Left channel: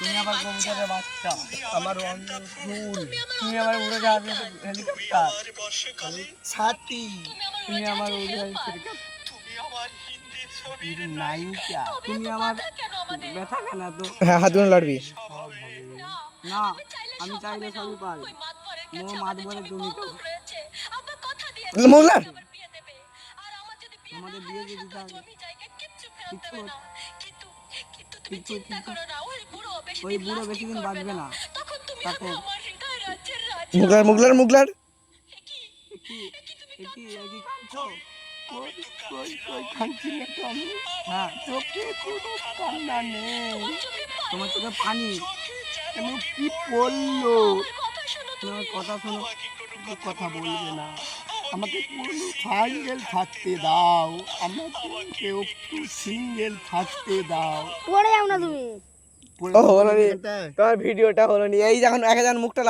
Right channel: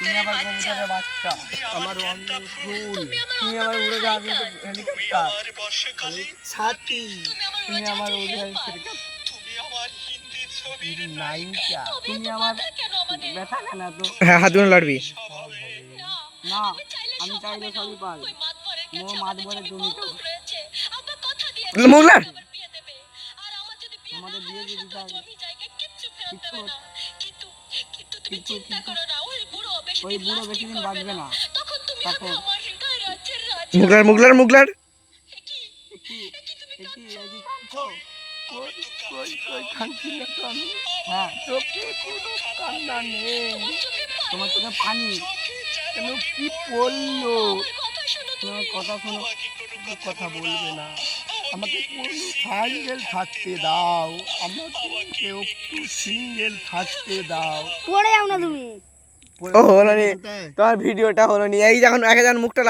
তুমি আবার কবুতরের বাচ্চা, আমার অন্য ফুল, তুমি আবার উড়ে যাবে হেলিকপ্টার, ছাতি, তুমি আমার উড়ে হেলিকপ্টার, নায়িকা। তুমি আমার ব্যথা কেন তো? হ্যাঁ হাত দুটো লাড়বি। না, আমি চাইলে সবই পারি। মোর মাতবরে তুমি তো মুখ লাড়। আমাদের বিয়ে দিয়ে দিতে হবে। কিন্তু ওই বুড়ো বেশি দিন বাঁচবে না। তখন মুখ লাড় মুখ লাড়। কাঁদছো? কই কই কই কাঁদছি না তো আমি, হ্যাঁ, চোখে কোনো কান্না নেই। তোমার চোখে পানি। কেন কি বললো? তোমার কথা শোনো। তুমি কথা বলবে না, আমাকে কোনো সিঙ্গেল থাকতে দাও, আমাকে কেউ একটু সিঙ্গেল থাকতে দাও। পড়ে যাও না তুমি। ও হলো নি, তোমার ভিডিওটা হলো নি। এই যখন মুখটা